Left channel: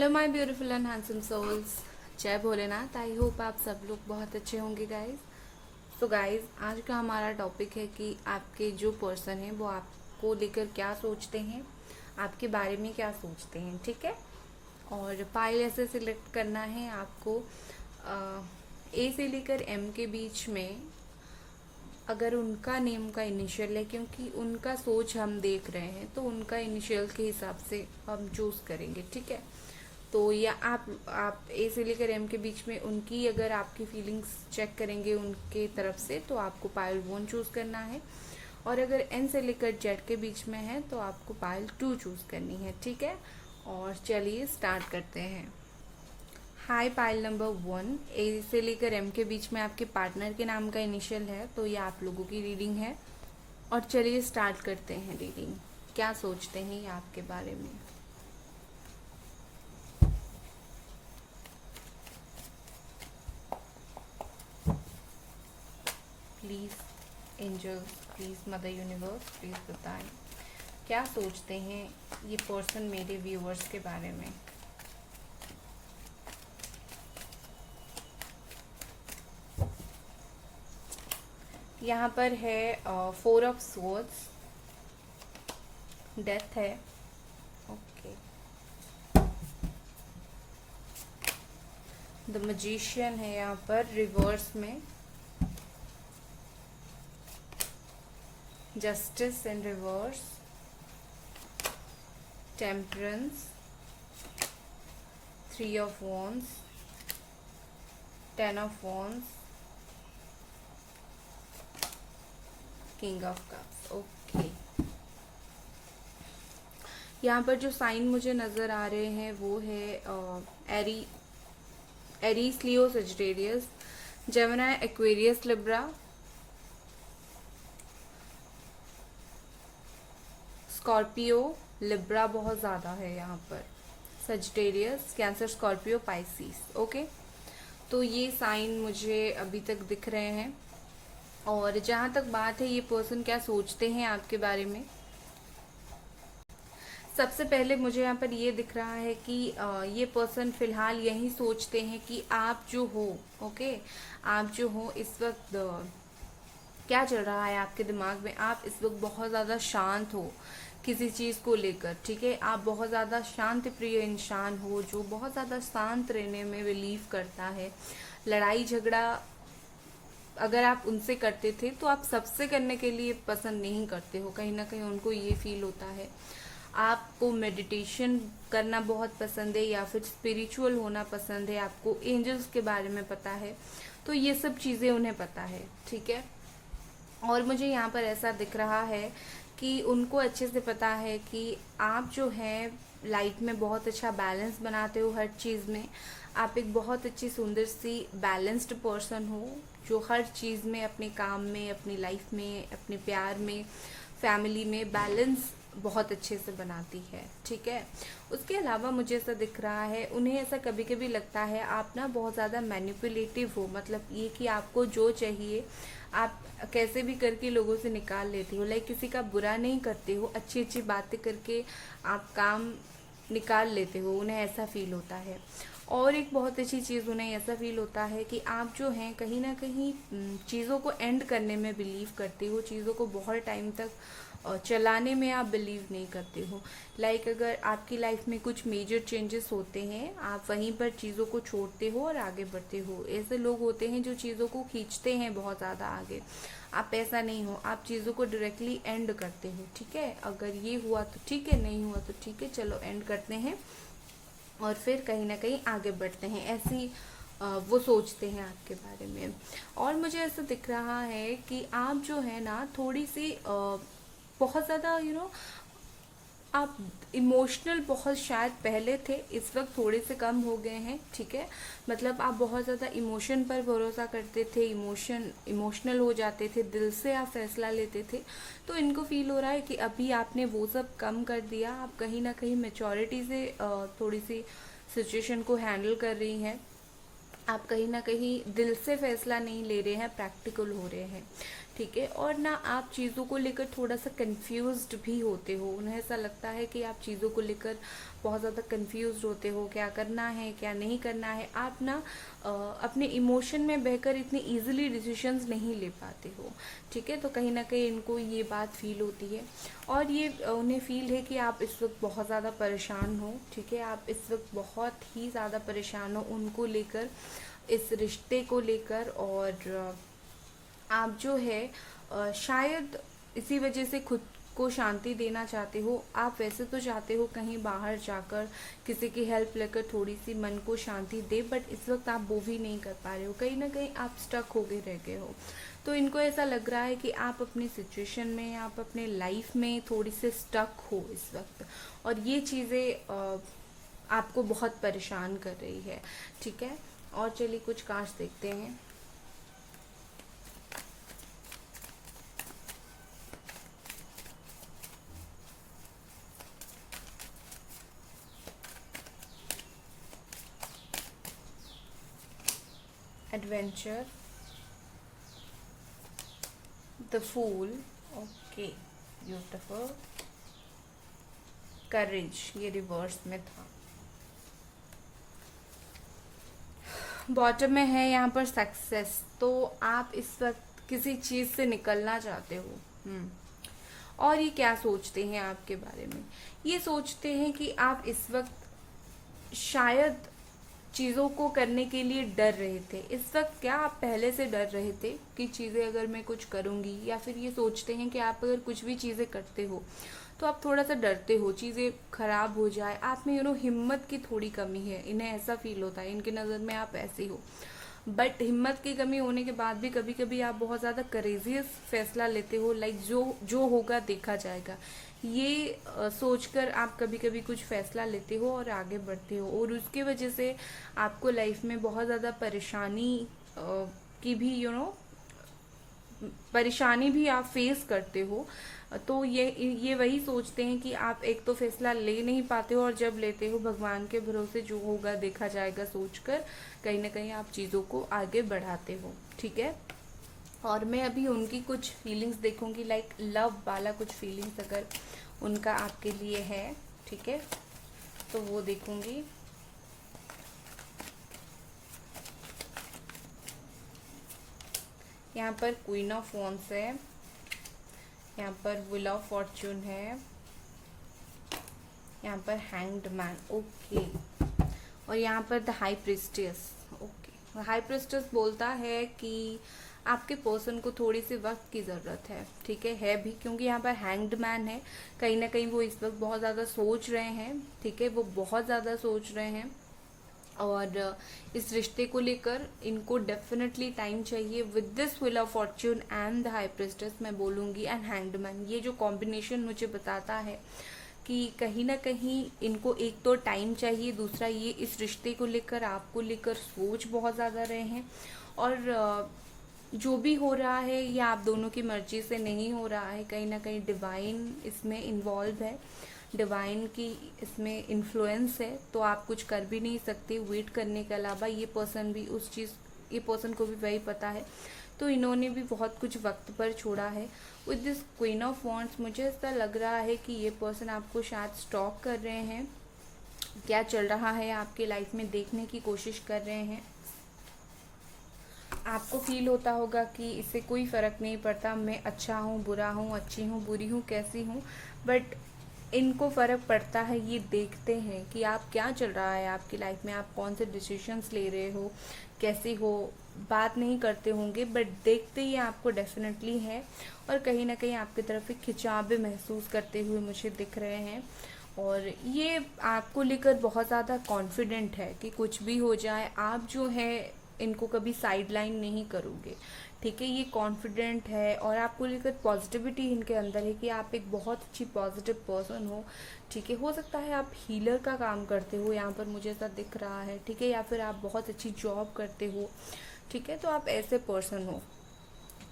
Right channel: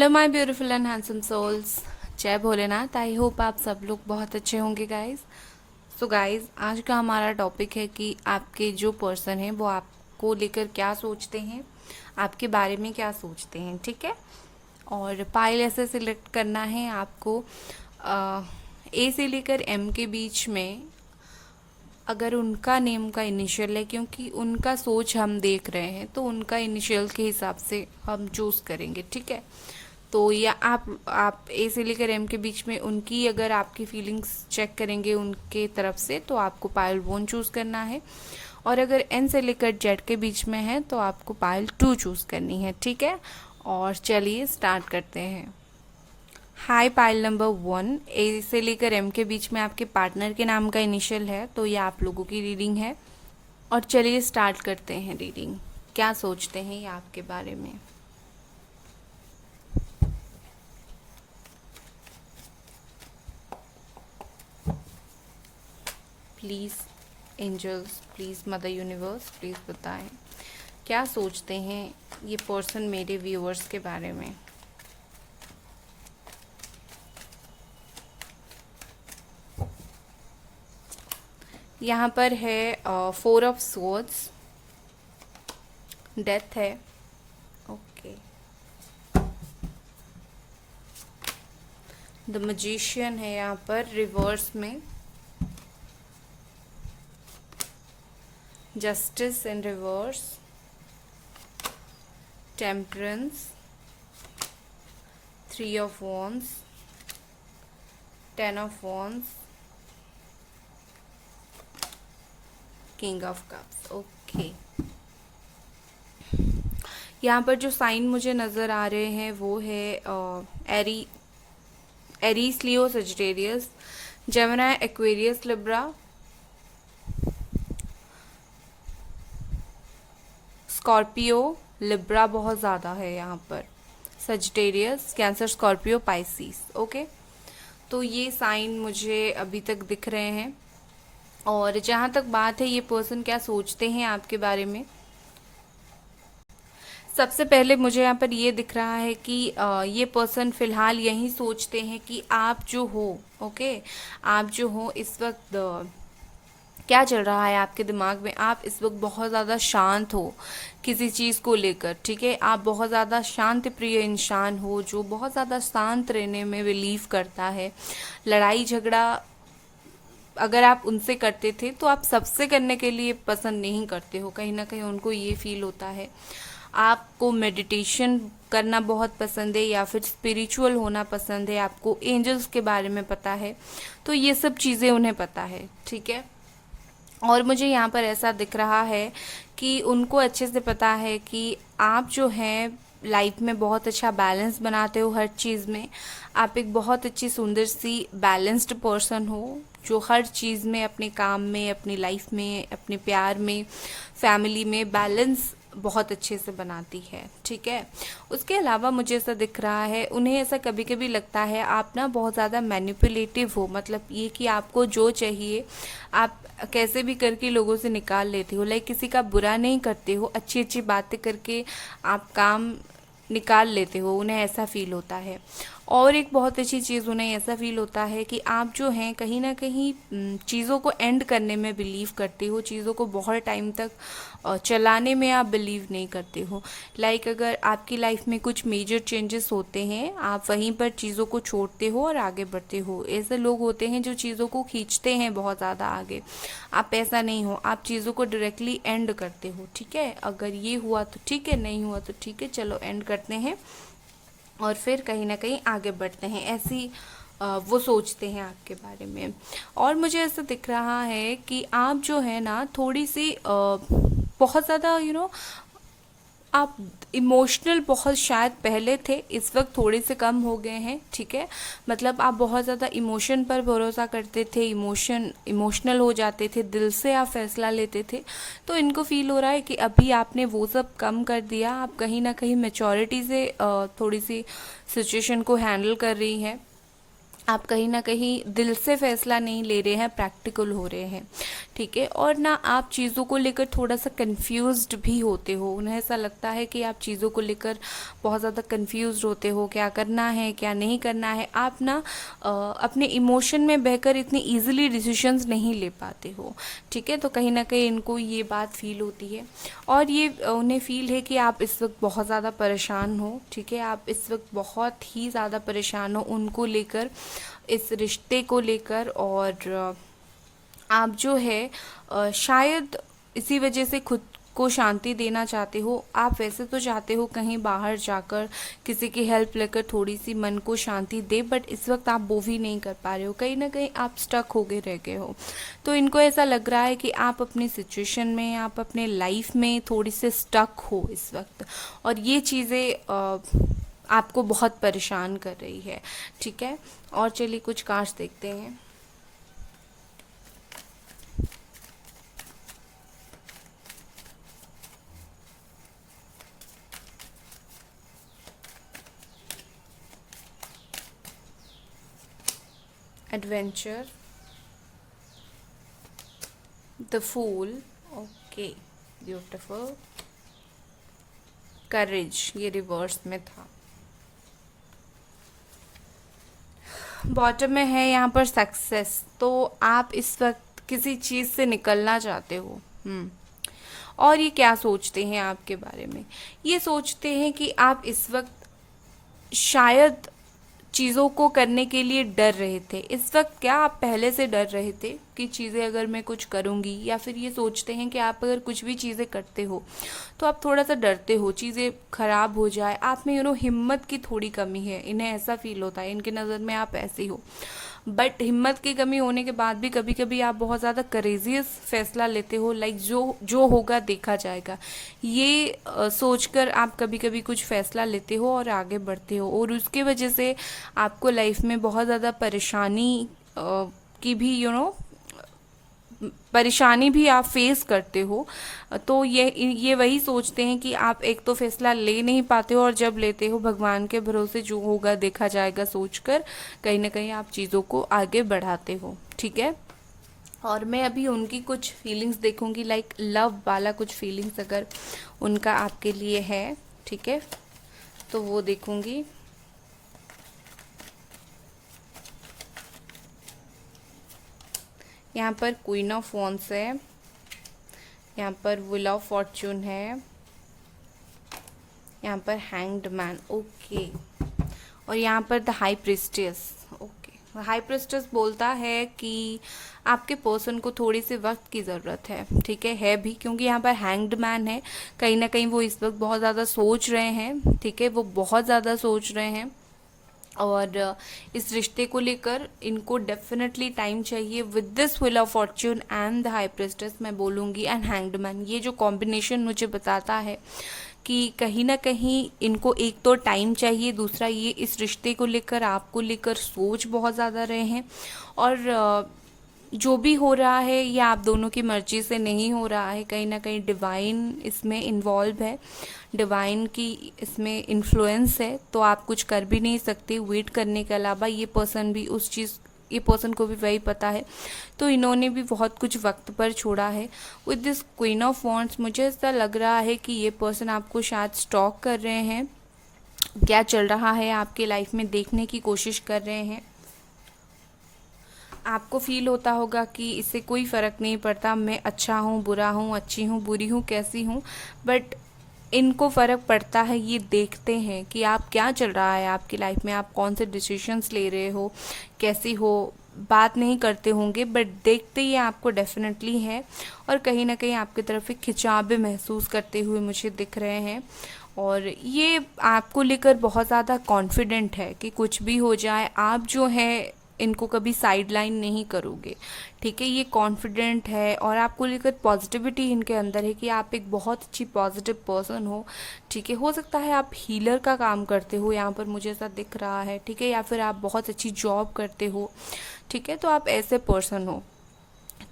Hello my beautiful and handsome souls. जय Bholenath. I hope आप सब लोग बहुत अच्छे होंगे गाइज। सो गाइज, आज का हमारा टॉपिक है कि आपके जो पर्सन है वो आपको लेकर क्या सोचते हैं, आपके बारे में क्या सोचते हैं। ठीक है। और पाइल ऐसे सिलेक्ट करना है आपको ए से लेकर एम के बीच में, अगर उनका नेम का इनिशियल है, क्योंकि उनका सोच हम देख रहे हैं तो उनका इनिशियल के हिसाब से हम चूज़ करेंगे। ठीक है। तो या आप ए से लेकर एम के बीच में उनकी अगर आपकी फीलिंग्स चेक करेंगे उनके तरफ से, तो आपको पायल वन चूज़ करना है। और अगर एन से लेकर जेड के बीच में है तो आपको पायल टू चूज़ करनी है। ठीक है। और चलिए स्टार्ट करते हैं। हाय पाइल नंबर वन, ए से लेकर एम के बीच में आपके पार्टनर के नाम का इनिशियल है, तो ये आप लोगों की रीडिंग है। और चलिए स्टार्ट करते हैं रीडिंग। क्या सोचते हैं ये आपके बारे में। Please angels, please mother universe, please बताएं क्या सोचते हैं ये पर्सन मेरे व्यूअर्स के बारे में। यहाँ पर है फोर ऑफ स्वॉर्ड्स, डेथ है। ओके। द मैजिशियन है यहाँ पर रिवर्स में, justice in reverse, temperance, three of wands, ten of wands, king of cups. Okay. यहाँ पर जो साइन मुझे नज़र आ रहे हैं वो है Aries, Leo, Sagittarius, Gemini, Aquarius, Libra, Scorpio, Libra बहुत ज़्यादा है यहाँ पर, Sagittarius, Cancer, Scorpio, Pisces. Okay. तो ये साइन मुझे अभी तक दिख रहे हैं। और जहाँ तक बात है ये पर्सन क्या सोचते हैं आपके बारे में, सबसे पहले मुझे यहाँ पर ये दिख रहा है कि ये पर्सन फिलहाल यही सोचते हैं कि आप जो हो, ओके, आप जो हो इस वक्त क्या चल रहा है आपके दिमाग में। आप इस वक्त बहुत ज़्यादा शांत हो किसी चीज़ को लेकर। ठीक है। आप बहुत ज़्यादा शांति प्रिय इंसान हो जो बहुत ज़्यादा शांत रहने में बिलीव करता है। लड़ाई झगड़ा अगर आप उनसे करते थे तो आप सबसे करने के लिए पसंद नहीं करते हो। कहीं ना कहीं उनको ये फील होता है। आपको मेडिटेशन करना बहुत पसंद है या फिर स्पिरिचुअल होना पसंद है, आपको एंजल्स के बारे में पता है, तो ये सब चीज़ें उन्हें पता है। ठीक है। और मुझे यहाँ पर ऐसा दिख रहा है कि उनको अच्छे से पता है कि आप जो हैं लाइफ में बहुत अच्छा बैलेंस बनाते हो हर चीज़ में। आप एक बहुत अच्छी सुंदर सी बैलेंस्ड पर्सन हो जो हर चीज़ में, अपने काम में, अपनी लाइफ में, अपने प्यार में, फैमिली में बैलेंस बहुत अच्छे से बनाती है। ठीक है। उसके अलावा मुझे ऐसा दिख रहा है, उन्हें ऐसा कभी कभी लगता है आप ना बहुत ज़्यादा मैनिपुलेटिव हो, मतलब ये कि आपको जो चाहिए आप कैसे भी करके लोगों से निकाल लेते हो। लाइक किसी का बुरा नहीं करते हो, अच्छी अच्छी बातें करके आप काम निकाल लेते हो, उन्हें ऐसा फील होता है। और एक बहुत अच्छी चीज़ उन्हें ऐसा फील होता है कि आप जो हैं कहीं ना कहीं चीज़ों को एंड करने में बिलीव करते हो, चीज़ों को बहुत टाइम तक चलाने में आप बिलीव नहीं करते हो। लाइक अगर आपकी लाइफ में कुछ मेजर चेंजेस होते हैं, आप वहीं पर चीज़ों को छोड़ते हो और आगे बढ़ते हो। ऐसे लोग होते हैं जो चीज़ों को खींचते हैं बहुत ज़्यादा आगे। आप ऐसा नहीं हो, आप चीज़ों को डायरेक्टली एंड करते हो। ठीक है। अगर ये हुआ तो ठीक है, नहीं हुआ तो ठीक है, चलो एंड करते हैं और फिर कहीं ना कहीं आगे बढ़ते हैं। ऐसी वो सोचते हैं आपके बारे में। और मुझे ऐसा दिख रहा है कि आप जो है ना थोड़ी सी बहुत ज़्यादा आप इमोशनल बहुत शायद पहले थे, इस वक्त थोड़े से कम हो गए हैं। ठीक है। मतलब आप बहुत ज़्यादा इमोशन पर भरोसा करते थे, इमोशनल हो जाते थे, दिल से आप फैसला लेते थे। तो इनको फील हो रहा है कि अभी आपने वो सब कम कर दिया, आप कहीं ना कहीं मैच्योरिटी से थोड़ी सी सिचुएशन को हैंडल कर रही हैं। आप कहीं ना कहीं दिल से फैसला नहीं ले रहे हैं, प्रैक्टिकल हो रहे हैं, ठीक है। और ना आप चीज़ों को लेकर थोड़ा सा कंफ्यूज्ड भी होते हो, उन्हें ऐसा लगता है कि आप चीज़ों को लेकर बहुत ज़्यादा कंफ्यूज्ड होते हो, क्या करना है क्या नहीं करना है। आप ना अपने इमोशन में बहकर इतनी इजीली डिसीजंस नहीं ले पाते हो, ठीक है। तो कहीं ना कहीं इनको ये बात फील होती है, और ये उन्हें फील है कि आप इस वक्त बहुत ज़्यादा परेशान हो, ठीक है। आप इस वक्त बहुत ही ज़्यादा परेशान हो उनको लेकर, इस रिश्ते को लेकर। और आप जो है शायद इसी वजह से खुद को शांति देना चाहते हो। आप वैसे तो चाहते हो कहीं बाहर जाकर किसी की हेल्प लेकर थोड़ी सी मन को शांति दे, बट इस वक्त आप वो भी नहीं कर पा रहे हो, कहीं ना कहीं आप स्टक हो गए रह गए हो। तो इनको ऐसा लग रहा है कि आप अपनी सिचुएशन में, आप अपने लाइफ में थोड़ी से स्टक हो इस वक्त, और ये चीज़ें आपको बहुत परेशान कर रही है, ठीक है। और चलिए कुछ कार्ड्स देखते हैं। Adventure, the fool, okay, beautiful, courage, ये रिवर्स में था। बॉटम में है यहाँ पर सक्सेस। तो आप इस वक्त किसी चीज़ से निकलना चाहते हो। और ये क्या सोचते हैं आपके बारे में, ये सोचते हैं कि आप इस वक्त शायद चीज़ों को करने के लिए डर रहे थे। इस वक्त क्या आप पहले से डर रहे थे कि चीज़ें अगर मैं कुछ करूँगी, या फिर ये सोचते हैं कि आप अगर कुछ भी चीज़ें करते हो तो आप थोड़ा सा डरते हो चीज़ें खराब हो जाए, आप में हिम्मत की थोड़ी कमी है, इन्हें ऐसा फील होता है, इनकी नज़र में आप ऐसे ही हो। बट हिम्मत की कमी होने के बाद भी कभी कभी आप बहुत ज़्यादा करेजियस फैसला लेते हो, लाइक जो जो होगा देखा जाएगा, ये सोचकर आप कभी कभी कुछ फैसला लेते हो और आगे बढ़ते हो, और उसके वजह से आपको लाइफ में बहुत ज़्यादा परेशानी की भी परेशानी भी आप फेस करते हो। तो ये वही सोचते हैं कि आप एक तो फैसला ले नहीं पाते हो, और जब लेते हो भगवान के भरोसे जो होगा देखा जाएगा सोचकर कहीं ना कहीं आप चीज़ों को आगे बढ़ाते हो, ठीक है। और मैं अभी उनकी कुछ फीलिंग्स देखूंगी, लाइक लव वाला कुछ फीलिंग्स अगर उनका आपके लिए है, ठीक है, तो वो देखूंगी। यहाँ पर क्वीन ऑफ वॉन्ड्स है, यहाँ पर व्हील ऑफ फॉर्च्यून है, यहाँ पर हैंग्ड मैन, ओके, और यहाँ पर the high priestess, okay. High priestess बोलता है कि आपके पर्सन को थोड़ी सी वक्त की ज़रूरत है, ठीक है भी, क्योंकि यहाँ पर हैंग्ड मैन है, कहीं ना कहीं वो इस वक्त बहुत ज़्यादा सोच रहे हैं, ठीक है, वो बहुत ज़्यादा सोच रहे हैं। और इस रिश्ते को लेकर इनको डेफिनेटली टाइम चाहिए। With this wheel of Fortune and the high priestess मैं बोलूँगी, एंड हैंग्ड मैन, ये जो कॉम्बिनेशन मुझे बताता है कि कहीं ना कहीं इनको एक तो टाइम चाहिए, दूसरा ये इस रिश्ते को लेकर आपको लेकर सोच बहुत ज़्यादा रहे हैं, और जो भी हो रहा है ये आप दोनों की मर्जी से नहीं हो रहा है, कहीं ना कहीं डिवाइन इसमें इन्वॉल्व है, डिवाइन की इसमें इन्फ्लुएंस है, तो आप कुछ कर भी नहीं सकते वेट करने के अलावा। ये पर्सन भी उस चीज़, ये पर्सन को भी वही पता है, तो इन्होंने भी बहुत कुछ वक्त पर छोड़ा है। With this queen of wands मुझे ऐसा लग रहा है कि ये पर्सन आपको शायद स्टॉक कर रहे हैं, क्या चल रहा है आपके लाइफ में देखने की कोशिश कर रहे हैं। आपको फील होता होगा कि इससे कोई फ़र्क नहीं पड़ता, मैं अच्छा हूँ बुरा हूँ, अच्छी हूँ बुरी हूँ कैसी हूँ, बट इनको फ़र्क पड़ता है। ये देखते हैं कि आप क्या चल रहा है आपकी लाइफ में, आप कौन से डिसीजंस ले रहे हो, कैसी हो, बात नहीं करते होंगे बट देखते ही आपको डेफिनेटली है, और कहीं ना कहीं आपकी तरफ एक खिंचाव भी महसूस करते हुए मुझे दिख रहे हैं। और ये आपको लेकर बहुत ज़्यादा कॉन्फिडेंट है कि कुछ भी हो जाए आप जो है इनको कभी साइडलाइन नहीं करोगे, ठीक है। ये कॉन्फिडेंट है, और आपको लेकर पॉजिटिविटी इनके अंदर है कि आप एक बहुत अच्छी पॉजिटिव पर्सन हो, ठीक है। हो सकता है आप हीलर का काम करते हो, यहाँ पर मुझे ऐसा दिख रहा है, ठीक है, या फिर आप बहुत अच्छी जॉब करते हो, ठीक है, तो आप ऐसे पर्सन हो।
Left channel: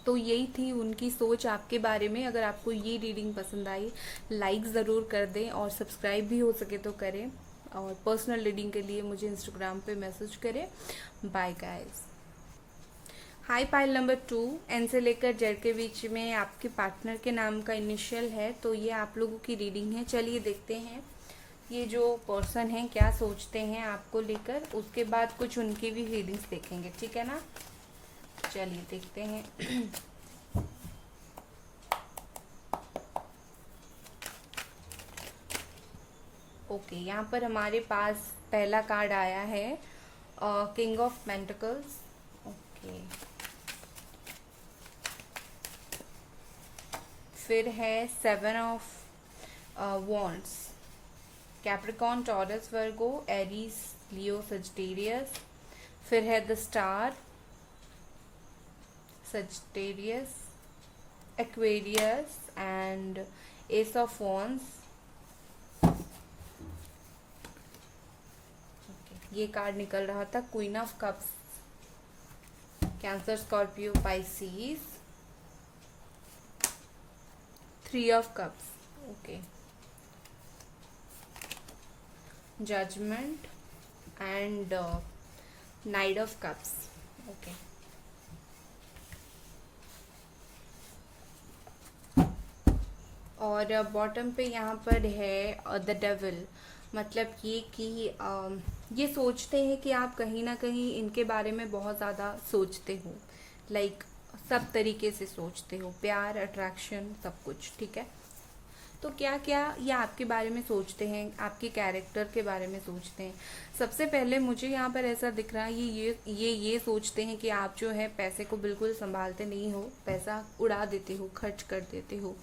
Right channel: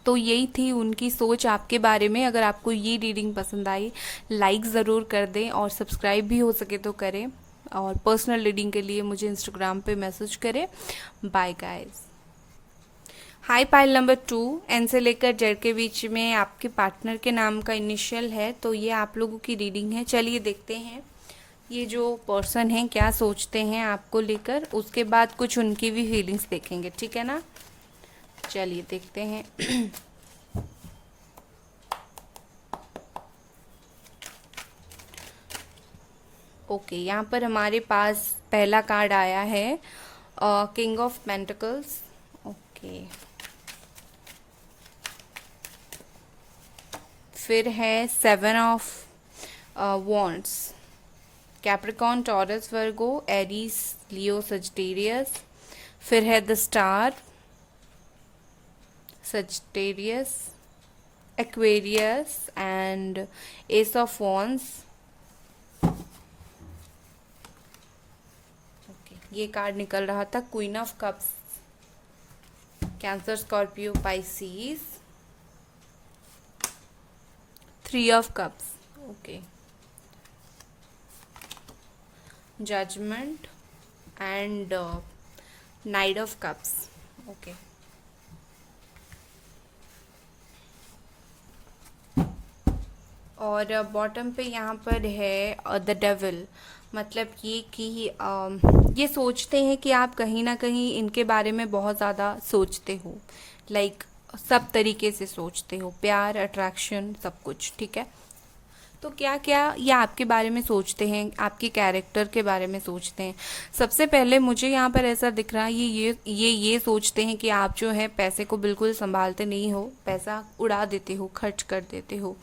तो यही थी उनकी सोच आपके बारे में। अगर आपको ये रीडिंग पसंद आई लाइक ज़रूर कर दें, और सब्सक्राइब भी हो सके तो करें। और पर्सनल रीडिंग के लिए मुझे इंस्टाग्राम पे मैसेज करें। Bye guys. Hi pile number 2, N से लेकर जेड के बीच में आपके पार्टनर के नाम का इनिशियल है, तो ये आप लोगों की रीडिंग है। चलिए देखते हैं ये जो पर्सन है क्या सोचते हैं आपको लेकर, उसके बाद कुछ उनकी भी फीलिंग्स देखेंगे, ठीक है ना। चलिए देखते हैं। ओके, यहाँ पर हमारे पास पहला कार्ड आया है किंग ऑफ पेंटिकल्स। ओके, फिर है 7 of wands, Capricorn, Taurus, Virgo, Aries, Leo, Sagittarius. फिर है the star, Sagittarius, Aquarius and ace of wands. ये कार्ड निकल रहा था queen of cups, Cancer, Scorpio, Pisces, 3 of cups, okay, judgement and knight of cups, okay. और bottom पे यहाँ पर है द डेविल, मतलब ये कि ये सोचते हैं कि आप कहीं ना कहीं इनके बारे में बहुत ज़्यादा सोचते हो, लाइक सब तरीके से सोचते हो, प्यार, अट्रैक्शन, सब कुछ, ठीक है। तो क्या क्या ये आपके बारे में सोचते हैं, आपके कैरेक्टर के बारे में सोचते हैं। सबसे पहले मुझे यहाँ पर ऐसा दिख रहा है ये सोचते हैं कि आप जो है पैसे को बिल्कुल संभालते नहीं हो, पैसा उड़ा देते हो, खर्च कर देते हो।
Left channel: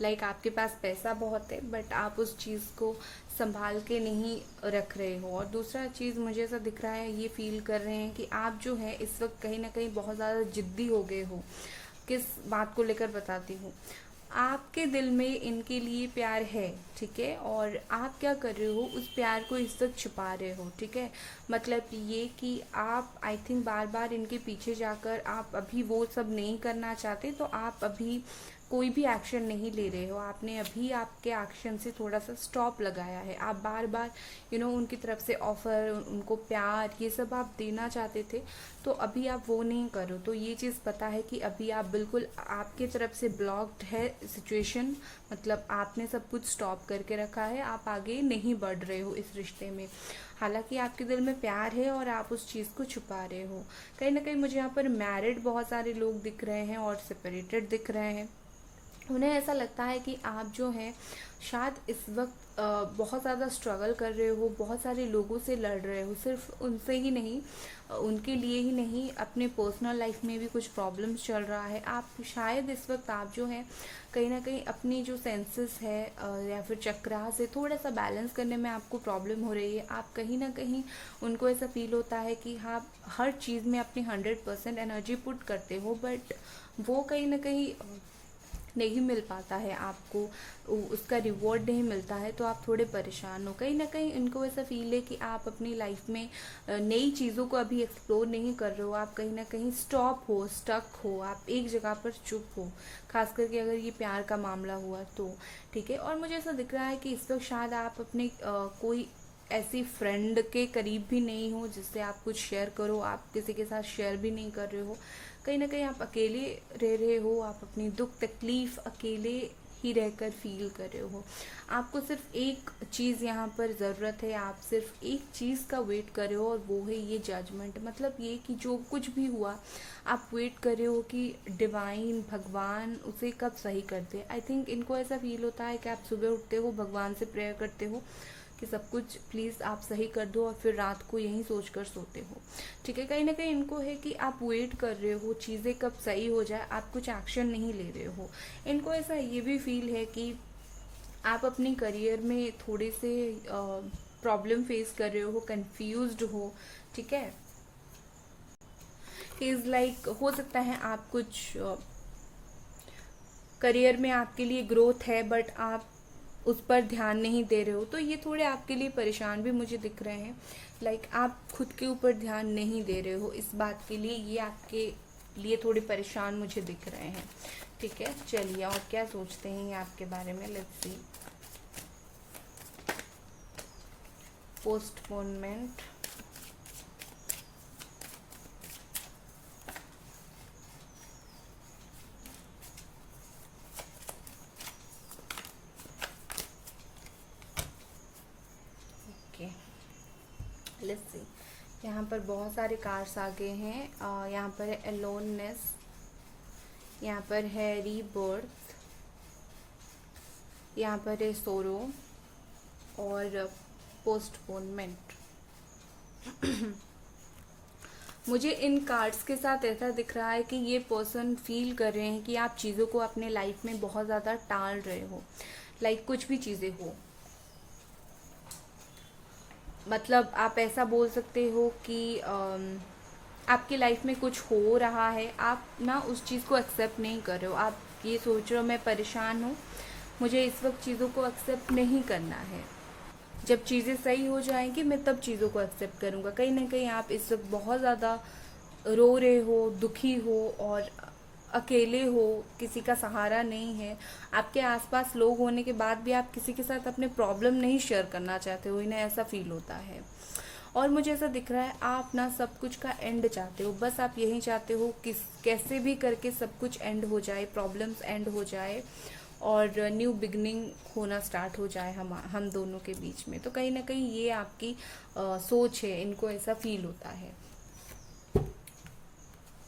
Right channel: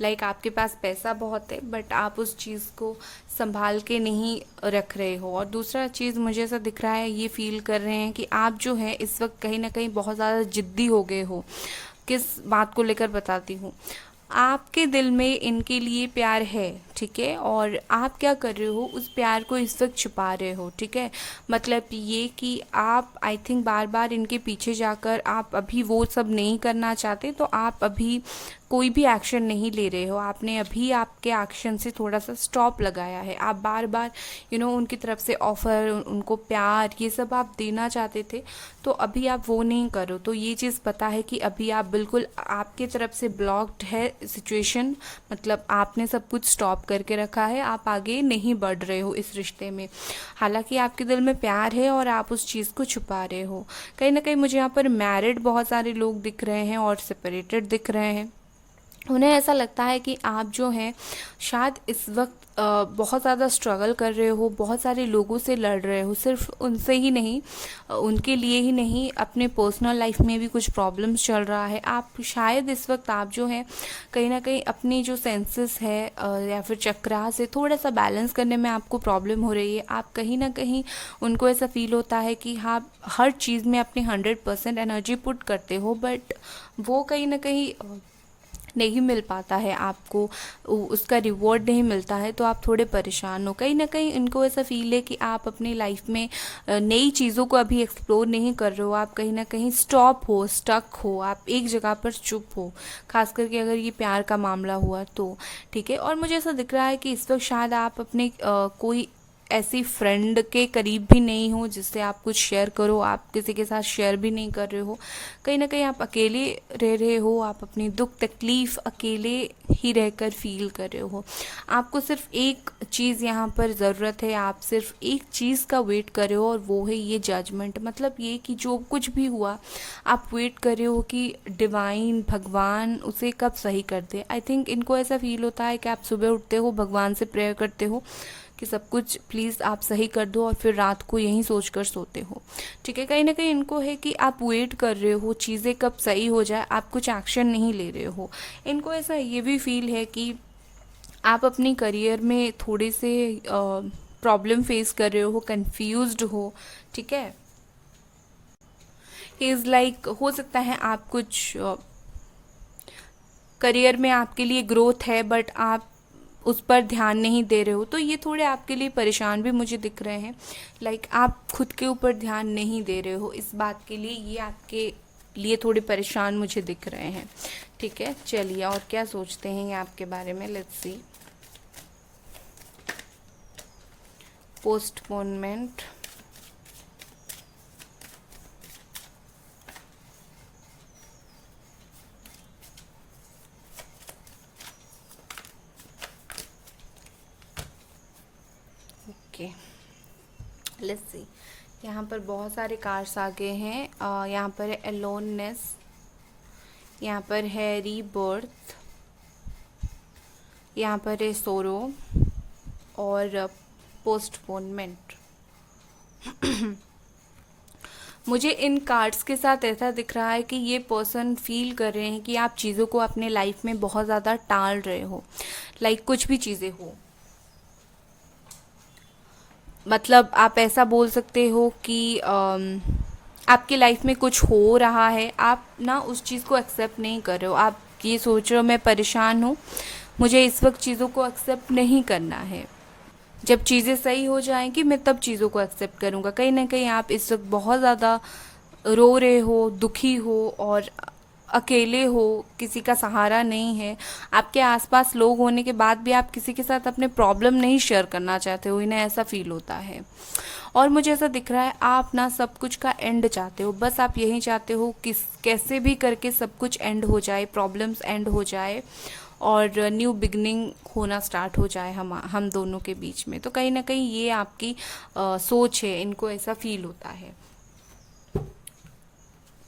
लाइक आपके पास पैसा बहुत है बट आप उस चीज़ को संभाल के नहीं रख रहे हो। और दूसरा चीज़ मुझे ऐसा दिख रहा है, ये फील कर रहे हैं कि आप जो है इस वक्त कहीं ना कहीं बहुत ज़्यादा जिद्दी हो गए हो। किस बात को लेकर बताती हूँ, आपके दिल में इनके लिए प्यार है, ठीक है, और आप क्या कर रहे हो, उस प्यार को इस वक्त छुपा रहे हो, ठीक है। मतलब ये कि आप आई थिंक बार बार इनके पीछे जाकर आप अभी वो सब नहीं करना चाहते, तो आप अभी कोई भी एक्शन नहीं ले रहे हो। आपने अभी आपके एक्शन से थोड़ा सा स्टॉप लगाया है। आप बार बार उनकी तरफ से ऑफ़र, उनको प्यार, ये सब आप देना चाहते थे, तो अभी आप वो नहीं करो। तो ये चीज़ पता है कि अभी आप बिल्कुल, आपके तरफ से ब्लॉक्ड है सिचुएशन, मतलब आपने सब कुछ स्टॉप करके रखा है, आप आगे नहीं बढ़ रहे हो इस रिश्ते में। हालांकि आपके दिल में प्यार है और आप उस चीज़ को छुपा रहे हो। कहीं ना कहीं मुझे यहाँ पर मैरिड बहुत सारे लोग दिख रहे हैं और सेपरेटेड दिख रहे हैं। उन्हें ऐसा लगता है कि आप जो हैं शायद इस वक्त बहुत ज़्यादा स्ट्रगल कर रहे हो, बहुत सारे लोगों से लड़ रहे हो, सिर्फ उनसे ही नहीं, उनके लिए ही नहीं, अपने पर्सनल लाइफ में भी कुछ प्रॉब्लम्स चल रहा है। आप शायद इस वक्त आप जो है कहीं ना कहीं अपनी जो सेंसेस है या फिर चक्रा से थोड़ा सा बैलेंस करने में आपको प्रॉब्लम हो रही है। आप कहीं ना कहीं, उनको ऐसा फील होता है कि हाँ, हर चीज़ में अपनी 100% एनर्जी पुट करते हो, बट वो कहीं ना कहीं नहीं मिल पाता है आपको, उसका रिवॉर्ड नहीं मिलता है, तो आप थोड़े परेशान हो। कहीं ना कहीं इनको ऐसा फील है कि आप अपनी लाइफ में नई चीज़ों को अभी एक्सप्लोर नहीं कर रहे हो, आप कहीं ना कहीं स्टॉप हो, स्टक हो, आप एक जगह पर चुप हो, खास करके अगर ये प्यार का मामला हुआ तो, ठीक है। और मुझे ऐसा दिख रहा है कि इस वक्त शायद आप अपने कोई ऐसी फ्रेंड के करीब भी नहीं हो जिससे आप कुछ शेयर करो, आप किसी के साथ शेयर भी नहीं कर रहे हो। कहीं ना कहीं आप अकेले रह रहे हो, आप अपनी दुख तकलीफ़ अकेले ही रहकर फील कर रहे हो। आपको सिर्फ एक चीज़ यहाँ पर ज़रूरत है, आप सिर्फ एक चीज़ का वेट कर रहे हो, और वो है ये जजमेंट। मतलब ये कि जो कुछ भी हुआ आप वेट कर रहे हो कि डिवाइन, भगवान उसे कब सही कर दे। आई थिंक इनको ऐसा फील होता है कि आप सुबह उठते हो, भगवान से प्रेयर करते हो कि सब कुछ प्लीज़ आप सही कर दो, और फिर रात को यहीं सोच कर सोते हो, ठीक है। कहीं ना कहीं इनको है कि आप वेट कर रहे हो चीज़ें कब सही हो जाए, आप कुछ एक्शन नहीं ले रहे हो। इनको ऐसा ये भी फील है कि आप अपनी करियर में थोड़े से प्रॉब्लम फेस कर रहे हो, कंफ्यूज्ड हो, ठीक है। इज़ लाइक हो सकता है आप कुछ करियर में आपके लिए ग्रोथ है बट आप उस पर ध्यान नहीं दे रहे हो, तो ये थोड़े आपके लिए परेशान भी मुझे दिख रहे हैं। लाइक आप खुद के ऊपर ध्यान नहीं दे रहे हो, इस बात के लिए ये आपके लिए थोड़े परेशान मुझे दिख रहे हैं, ठीक है। चलिए और क्या सोचते हैं ये आपके बारे में, let's see. Postponement, okay let's see. यहाँ पर बहुत सारे कार्ड्स आ गए हैं। यहाँ पर है अलोननेस, यहाँ पर है रीबर्थ, यहाँ पर है सोरो और पोस्टपोनमेंट। मुझे इन कार्ड्स के साथ ऐसा दिख रहा है कि ये पर्सन फील कर रहे हैं कि आप चीज़ों को अपने लाइफ में बहुत ज़्यादा टाल रहे हो। लाइक कुछ भी चीज़ें हो, मतलब आप ऐसा बोल सकते हो कि आपकी लाइफ में कुछ हो रहा है, आप ना उस चीज़ को एक्सेप्ट नहीं कर रहे हो। आप ये सोच रहे हो मैं परेशान हूँ, मुझे इस वक्त चीज़ों को एक्सेप्ट नहीं करना है, जब चीज़ें सही हो जाएंगी मैं तब चीज़ों को एक्सेप्ट करूँगा। कहीं ना कहीं आप इस वक्त बहुत ज़्यादा रो रहे हो, दुखी हो और अकेले हो, किसी का सहारा नहीं है। आपके आसपास लोग होने के बाद भी आप किसी के साथ अपने प्रॉब्लम नहीं शेयर करना चाहते हो, इन्हें ऐसा फील होता है। और मुझे ऐसा दिख रहा है आप ना सब कुछ का एंड चाहते हो, बस आप यही चाहते हो कि कैसे भी करके सब कुछ एंड हो जाए, प्रॉब्लम्स एंड हो जाए और न्यू बिगनिंग होना स्टार्ट हो जाए हम दोनों के बीच में। तो कहीं ना कहीं ये आपकी सोच है, इनको ऐसा फील होता है।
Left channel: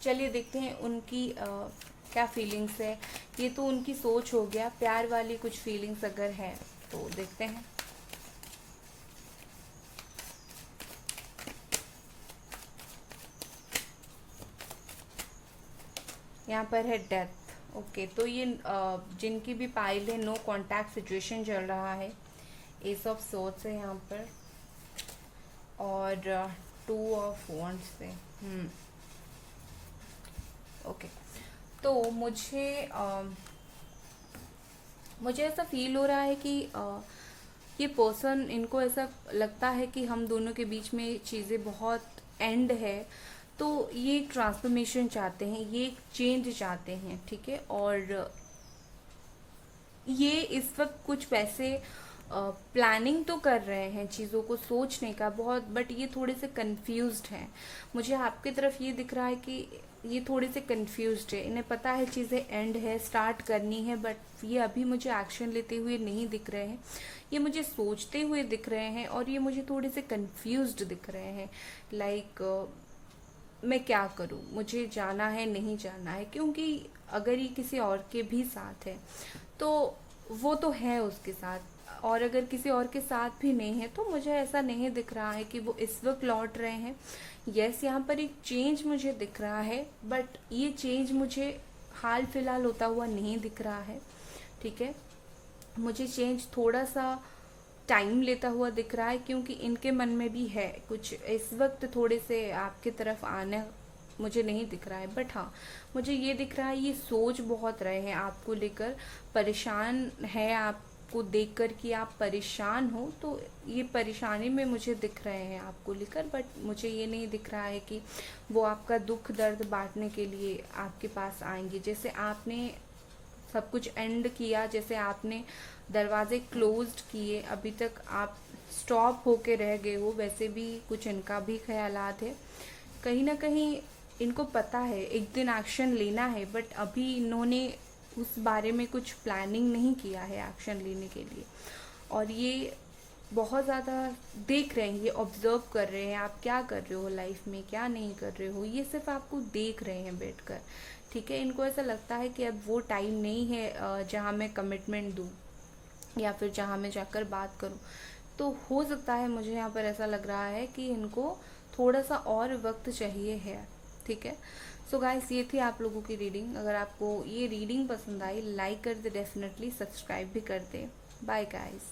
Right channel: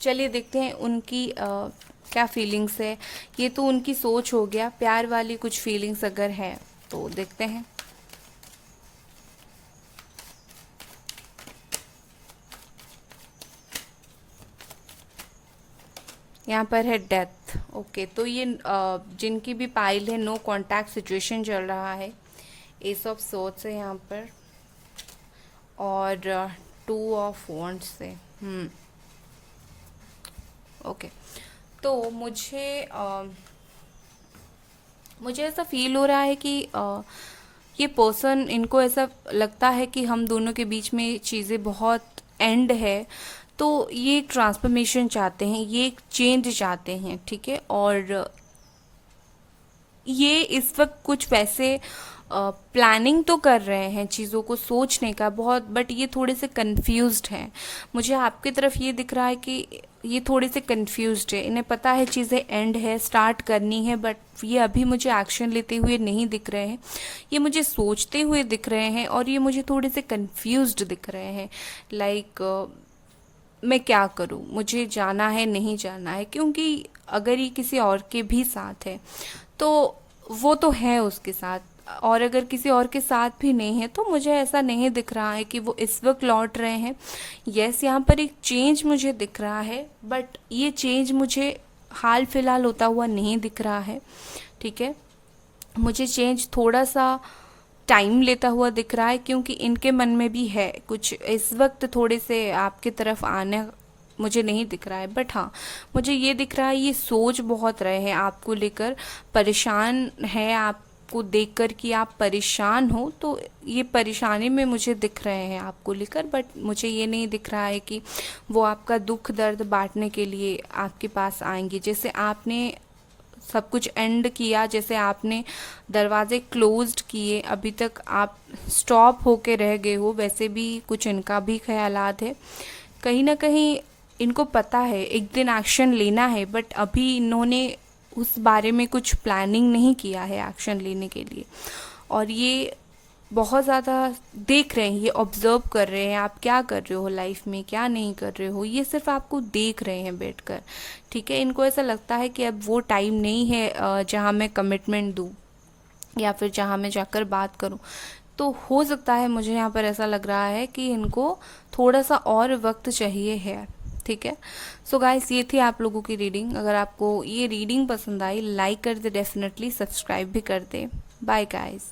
चलिए देखते हैं उनकी क्या फीलिंग्स है। ये तो उनकी सोच हो गया, प्यार वाली कुछ फीलिंग्स अगर है तो देखते हैं। यहाँ पर है डेथ। ओके तो ये जिनकी भी पाइल है नो कांटेक्ट सिचुएशन चल रहा है। एस ऑफ सोर्ड्स है यहाँ पर और 2 ऑफ वॉन्ड्स है। ओके तो मुझे ऐसा फील हो रहा है कि ये पर्सन, इनको ऐसा लगता है कि हम दोनों के बीच में चीज़ें बहुत एंड है, तो ये एक ट्रांसफॉर्मेशन चाहते हैं, ये एक चेंज चाहते हैं, ठीक है। और ये इस वक्त कुछ वैसे प्लानिंग तो कर रहे हैं चीज़ों को सोचने का बहुत, बट ये थोड़े से कंफ्यूज्ड हैं। मुझे आपकी तरफ ये दिख रहा है कि ये थोड़े से कंफ्यूज्ड है, इन्हें पता है चीज़ें एंड है, स्टार्ट करनी है, बट ये अभी मुझे एक्शन लेते हुए नहीं दिख रहे हैं। ये मुझे सोचते हुए दिख रहे हैं और ये मुझे थोड़े से कंफ्यूज्ड दिख रहे हैं। लाइक मैं क्या करूं, मुझे जाना है नहीं जाना है, क्योंकि अगर ये किसी और के भी साथ है तो वो तो है उसके साथ, और अगर किसी और के साथ भी नहीं है तो मुझे ऐसा नहीं दिख रहा है कि वो इस वक्त लौट रहे हैं। यस यहाँ पर एक चेंज मुझे दिख रहा है, बट ये चेंज मुझे हाल फिलहाल होता हुआ नहीं दिख रहा है, ठीक है। मुझे चेंज थोड़ा सा टाइम लेता हुआ दिख रहा है, क्योंकि इनके मन में भी है कुछ इस वक्त थोड़े से आपके तरफ आने मुझे नहीं दिख रहा है। बट हाँ मुझे ये दिख रहा है ये सोच बहुत रहे हैं आपको लेकर, परेशान है आपको देखकर कि आप परेशान हो, तो ये परेशानी में मुझे दिख रहे हैं आपको लेकर। बट मुझे ये नहीं दिख रहा है कि वो आपका दुख दर्द बांटने के लिए आपके पास आएंगे। जैसे आपने सब कुछ एंड किया, जैसे आपने दरवाजे क्लोज्ड किए, अभी तक आप स्टॉप होके रह गए हो, वैसे भी कुछ इनका भी ख्यालात है। कहीं ना कहीं इनको पता है एक दिन एक्शन लेना है, बट अभी इन्होंने उस बारे में कुछ प्लानिंग नहीं किया है एक्शन लेने के लिए। और ये बहुत ज़्यादा देख रहे हैं, ये ऑब्जर्व कर रहे हैं आप क्या कर रहे हो लाइफ में, क्या नहीं कर रहे हो, ये सिर्फ आपको देख रहे हैं बैठकर, ठीक है। इनको ऐसा लगता है कि अब वो टाइम नहीं है जहाँ मैं कमिटमेंट दूँ या फिर जहाँ मैं जाकर बात करूँ। तो हो सकता है, मुझे यहाँ पर ऐसा लग रहा है कि इनको थोड़ा सा और वक्त चाहिए है, ठीक है। सो गाइस ये थी आप लोगों की रीडिंग। अगर आपको ये रीडिंग पसंद आई लाइक कर दे, डेफिनेटली सब्सक्राइब भी कर दे। Bye guys.